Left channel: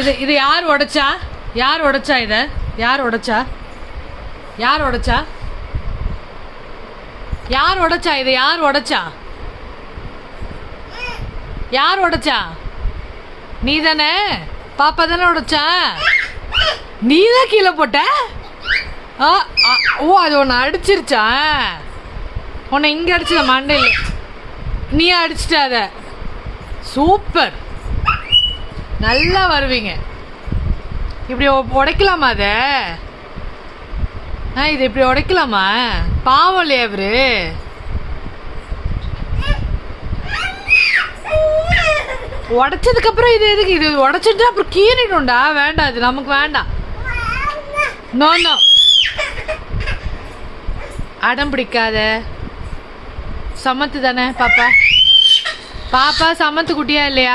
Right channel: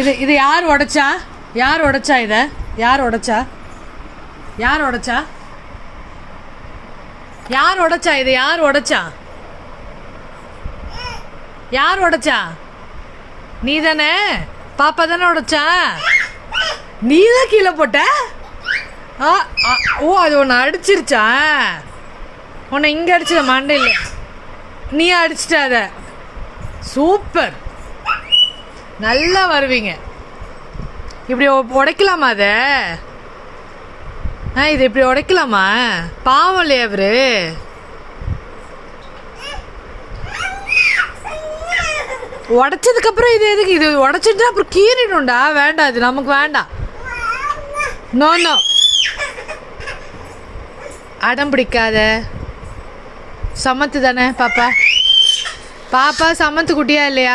இது யார் உடைச்சா? யார் உடைச்சா? இதை யார் உடைச்சா? யார் உடைச்சா? யார் உடைச்சா? இதை யார் உடைச்சா? யார் உடைச்சா? நீ தானே? பாப்பா தானே உடைச்சா? நீ தான் கீழே போட்ட? ஓ, அது உன்னை அடிச்சிருச்சா? உன்னை இங்கே அடிச்சத மண்டையில் நீ அடிச்சிட்ட அதை. சூப்பர், நல்லா வருவீங்க. இப்படி உடைக்கலாமா அதை? இது இப்படி உடைக்கலாமா? பாவம் இல்லையா அவரு? உடைச்சதுக்கப்புறம் இது எதுக்கு? இது உடைச்சிட்டு அப்புறம் கீறிடும்டா. வேண்டாம், இது நமக்கு வேண்டாம். நோ நோ, அடம் பிடிக்காத. சமத்து தானே பாப்பா? பாப்பா சமத்து குட்டியா இல்லையா?